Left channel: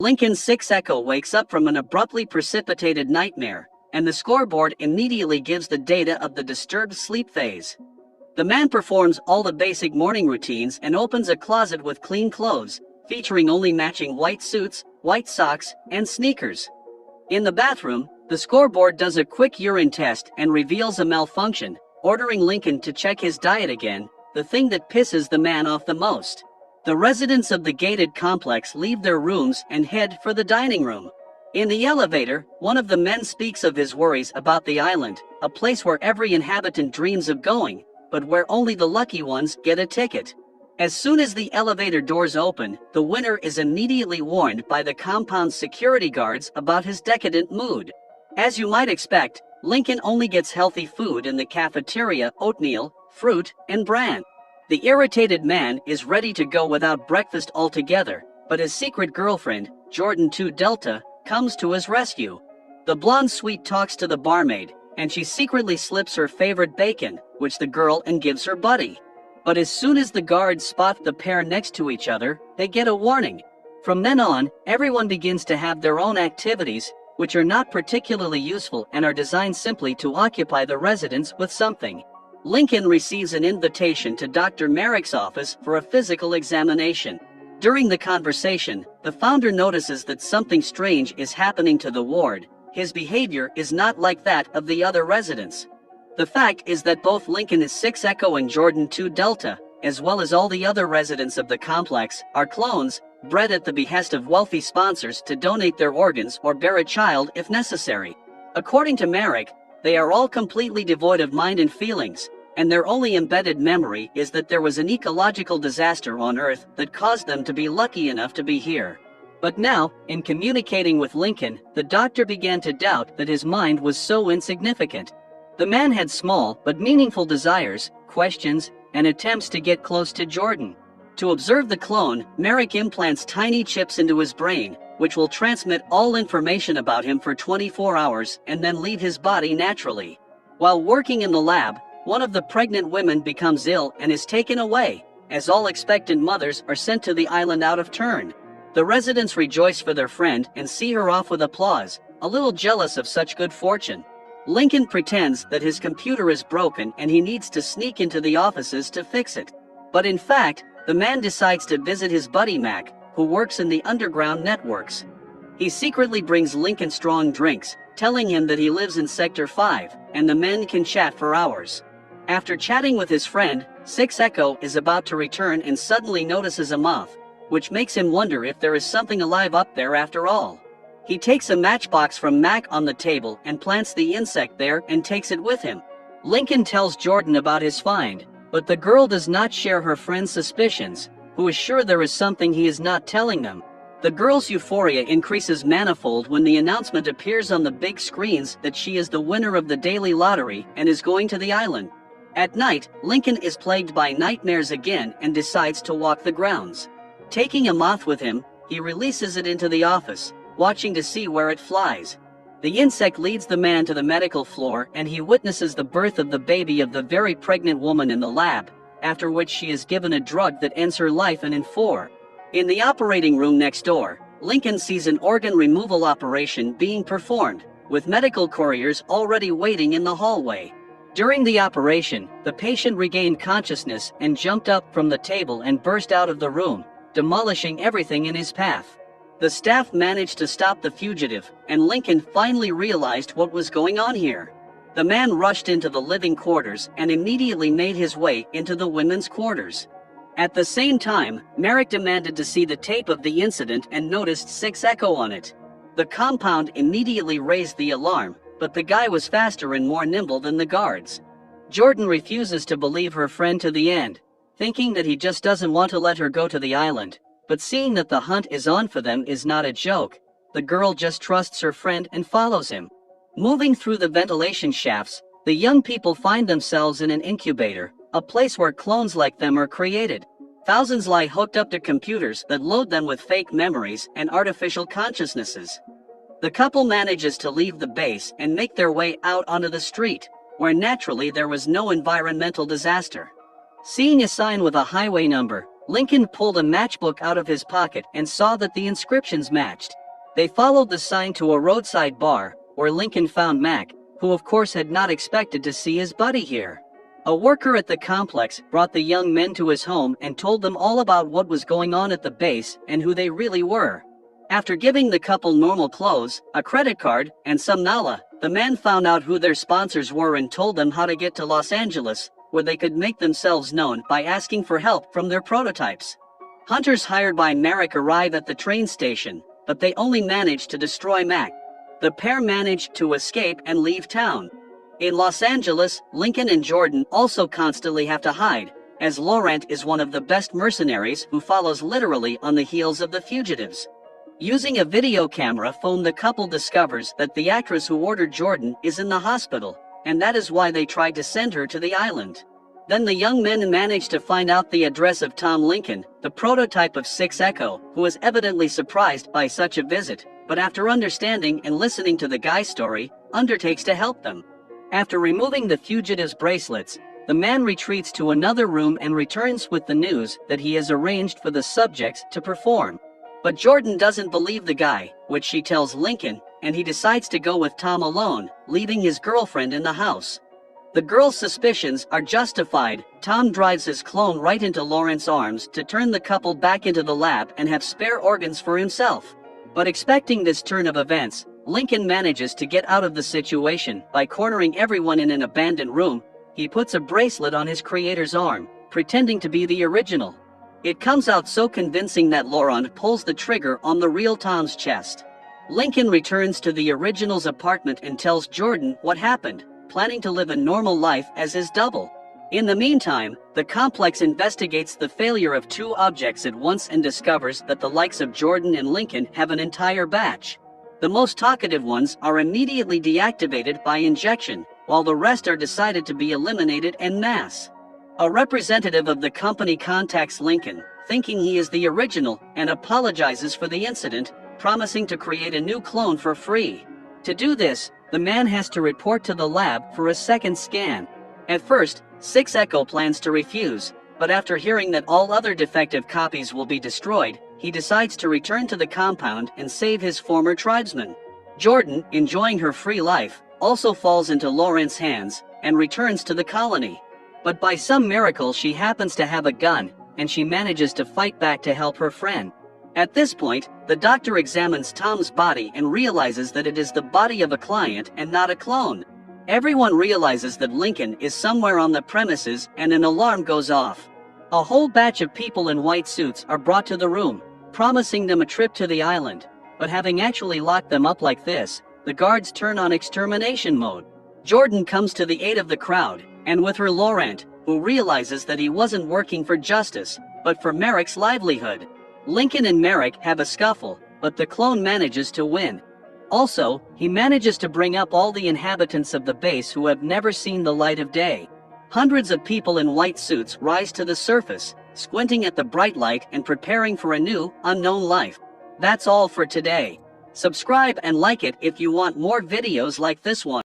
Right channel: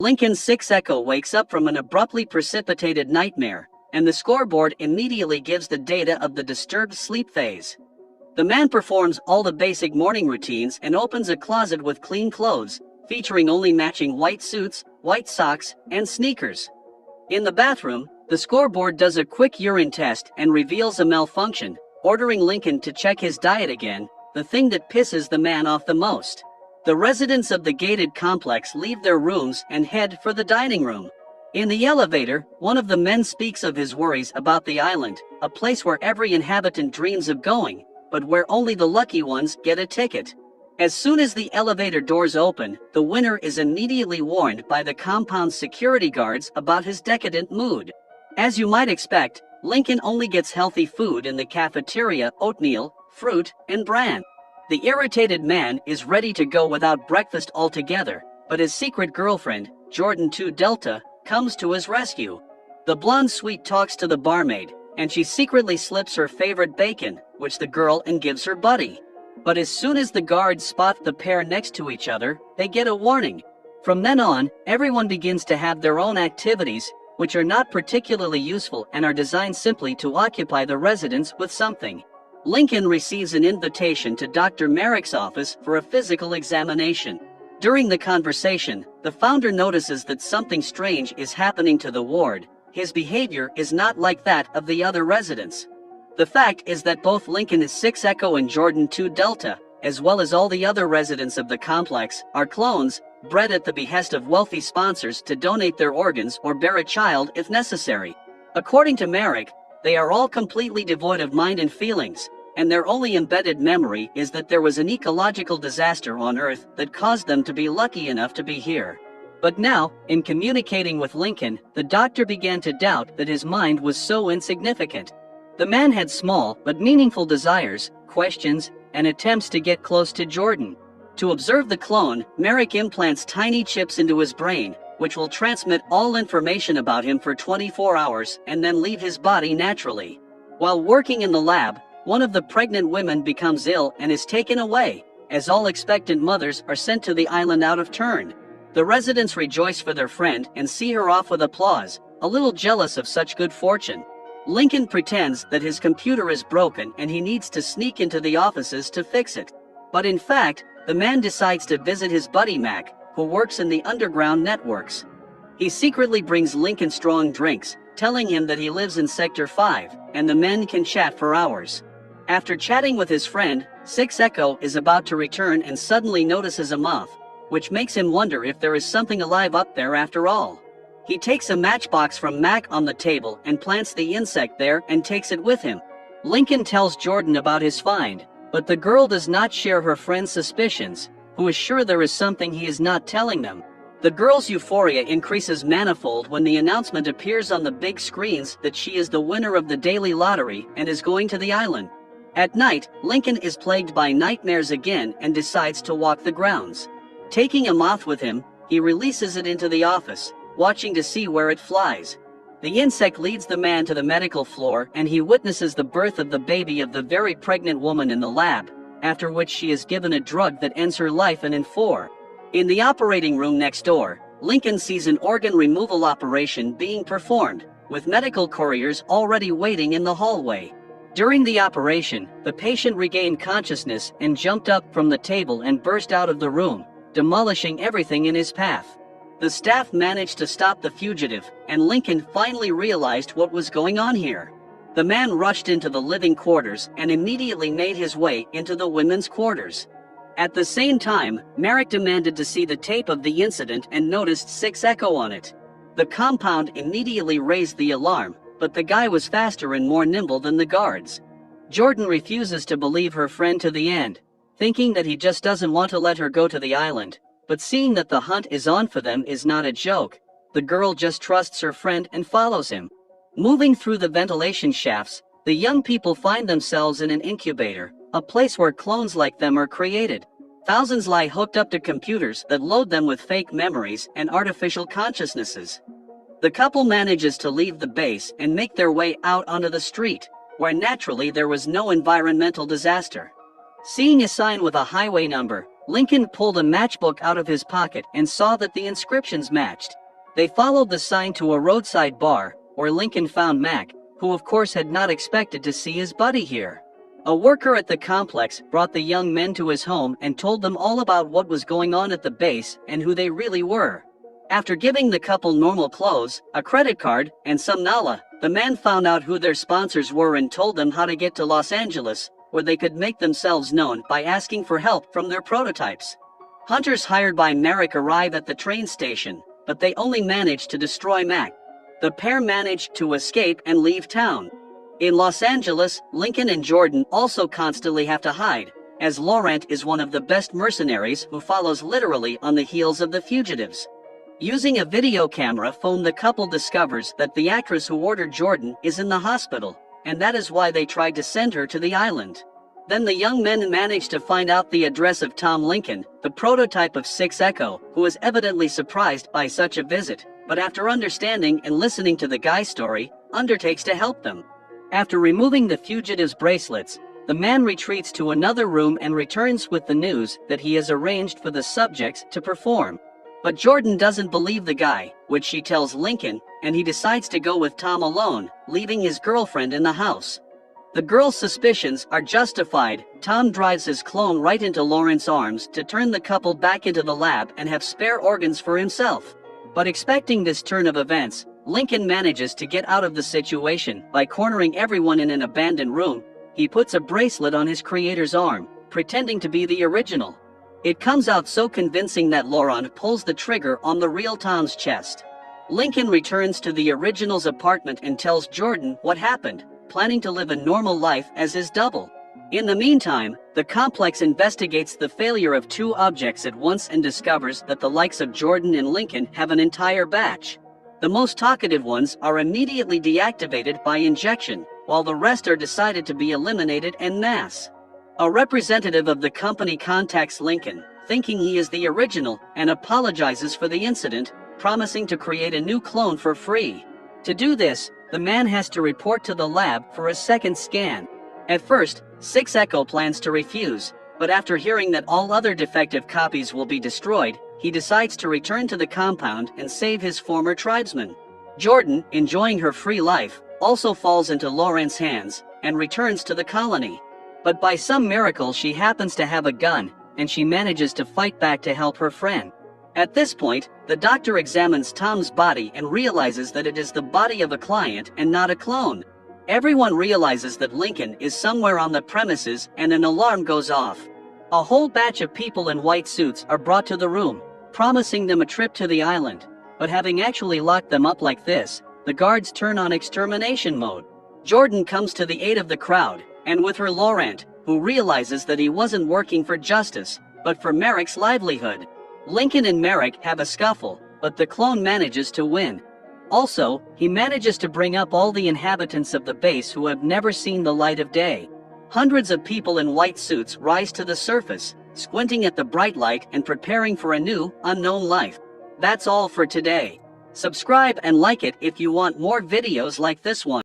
Lincoln 6 Echo wakes up from an abruptly precipitated nightmare, and the scoreboard immediately gives the data of the disturbed sleep phase. The man performs all the basic morning routines and opens a closet with clean clothes, featuring only matching white suits, white socks, and sneakers. In the bathroom, the scoreboard does a quick urine test and reveals a malfunction, ordering Lincoln to check his diet again, the thing that pisses the man off the most. The residents of the gated complex leave their rooms and head for the dining room. In the elevator, one of the men speaks of his worries about the island, a place where every inhabitant dreams of going, but where only the lucky ones get a ticket. As soon as the elevator doors open, the winner is immediately warned by the compound's security guards about his decadent mood. As you might expect, Lincoln only gets healthy food in the cafeteria: oatmeal, fruit, and bran. The irritated man is ready to go without breakfast altogether, but his secret girlfriend, Jordan 2 Delta, comes to his rescue. The blonde sweet talks to the barmaid, and she secretly slips her favorite bacon, which the girl and gives her buddy. But as soon as the guards spot the pair next to each other, they get a warning. From then on, everyone begins to have their own activities, which are not particularly useful and are designed simply to occupy the residents with something. Lincoln receives an invitation to Dr. Merrick's office for a physical examination. During the conversation, the founder notices that something strange is happening to the ward. His behavior is not like that of the other residents. The fact is that both Lincoln 6 Echo and Jordan 2 Delta, as well as all the other residents of the complex, are clones, bred at the behest of wealthy sponsors to donate their organs or bear a child if necessary. According to Merrick, they are all completely devoid of mind and feelings, and their only embedded memory is that there was an ecological disaster on Earth that caused them to be lucky enough to be here. But now, in communicating with Lincoln, the doctor began to doubt that his mind was so insignificant. The man had small but meaningful desires, questions, and attempts to get close to Jordan. To observe the clone, Merrick implants tiny chips into his brain, which will transmit all information about him for 24 hours and then leave his body naturally. While working in the lab, one of the pregnant women becomes ill and is taken away, as all expectant mothers are sent to the island out of turn. The residents rejoice for their friend and see her off with applause, a little jealous of such good fortune. Lincoln pretends that his computer is broken and he needs to sneak into the offices to fix it. But in fact, the man decides to visit his buddy Mac, who works in the underground networks. He secretly brings Lincoln strong drinks, telling him that he lives in Sector 5, and the men can chat for hours. After chatting with his friend, 6 Echo is about to return and suddenly notices a moth, which makes him wonder if there is something alive up there after all. He takes a matchbox from Mac on the table and plants the insect there and takes it with him. Lincoln tells Jordan about his find, but the girl does not share her friend's suspicions, who is sure there is something he is not telling them. The girl's euphoria increases manifold when the announcement appears on the big screens that she is the winner of the daily lottery and is going to the island. At night, Lincoln is plagued by nightmares again and decides to walk the grounds. Taking a moth with him, he releases it into the office, watching to see where it flies. The insect leads the man to the medical floor and he witnesses the birth of the baby of the very pregnant woman in the lab, after which she is given a drug that ends her life in 4. In the operating room next door, Lincoln sees an organ removal operation being performed, with medical couriers already waiting in the hallway. During the operation, the patient regained consciousness and jumped up from the table and burst out of the room, demolishing everything in his path. The staff managed to stop the fugitive, and Lincoln finally realized what was going on here. The man rushed into the living quarters and immediately made his way into the women's quarters. At the same time, Merrick demanded to see the tape of the incident and noticed 6 Echo on it. The compound immediately raised the alarm, but the guy was faster and more nimble than the guards. Jordan refuses to believe her friend to the end, thinking that he just doesn't want to let her go to the island. But seeing that the hunt is on for them is not a joke, the girl just trusts her friend and follows him. Moving through the ventilation shafts, the young people find themselves in an incubator, a place where clones like them are created. Thousands lie hooked up to computers that load them with fake memories and artificial consciousnesses. The couple manages to leave the base and make their way out onto the street, where naturally there was no environmental disaster. Seeing a sign with a highway number, Lincoln pulled a matchbook out of his pocket and saw that the inscriptions matched. They followed the sign to a roadside bar, where Lincoln found Mac, who of course had not expected to see his buddy here. A worker at the complex brought the young men to his home and told them all about what was going on at the base and who they really were. After giving the couple normal clothes, a credit card, and some nala, the man found out who their sponsors were and told them how to get to Los Angeles, where they could make themselves known by asking for help from their prototypes. Hunters hired by Merrick arrive at the train station, but they only managed to destroy Mac. The pair managed to escape and leave town. In Los Angeles, Lincoln and Jordan also constantly have to hide, as Laurent is one of the best mercenaries who follows literally on the heels of the fugitives. Using a video camera phone, the couple discovers that the actress who ordered Jordan is in the hospital, and that is why they tried to send her to the island. Then the young men manage to find out the address of Tom Lincoln, the prototype of 6 Echo, who is evidently surprised by such a visit, but after understanding and listening to the guy's story, undertakes to help them. After removing the fugitives' bracelets, the man retreats to another room and returns with the news that he has arranged for the subjects to perform. But Jordan doesn't believe the guy, which she tells Lincoln, and he decides to go with Tom alone, leaving his girlfriend in the house. The girl's suspicions are justified. Tom drives his clone right into Laurent's arms to turn the couple back into the lab and have spare organs for himself. But expecting this turn of events, Lincoln manages to get out of the situation by cornering everyone in an abandoned room. He puts a bracelet on his creator's arm, pretending to be the original. It comes out so convincing that Laurent pulls the trigger on the real Tom's chest. Lincoln returns to the original's apartment and tells Jordan what happened, planning to live a normal life as his double. In the meantime, the complex investigates the failure of 2 objects at once and discovers that the likes of Jordan and Lincoln have an entire batch. The most talkative ones are immediately deactivated by injection, while the rest are decided to be eliminated en masse. A representative of the company contacts Lincoln, thinking he is the original, and apologizes for the incident, promising to create a new clone for free. To do this, the man has to report to the lab for a second scan. At first, 6 Echo plans to refuse, but after hearing that all other defective copies will be destroyed, he decides to return to the compound and save his former tribesmen. Jordan, enjoying her free life, also falls into Laurent's hands and returns to the colony. But by some miracle she happens to have a gun, and she manages to fight back to help her friend. At this point, the doctor examines Tom's body and realizes that it is the body of a client and not a clone. Everyone realizes that Lincoln is somewhere on the premises and an alarm goes off. A whole batch of people in white suits are brought to the room, promising them a trip to the island. But having actually locked them up like this, the guards turn on extermination mode. Jordan comes to the aid of the crowd, and with her Laurent, who realizes that he wasn't working for justice, but for Merrick's livelihood. Lincoln and Merrick have a scuffle, but the clone manages to win. Also, he manages to bring up all the inhabitants of the base who have never seen the light of day. Hundreds of people in white suits rise to the surface, squinting at the bright light and preparing for a new, unknown life. That's all for today. Subscribe and like it if you want more videos like this one.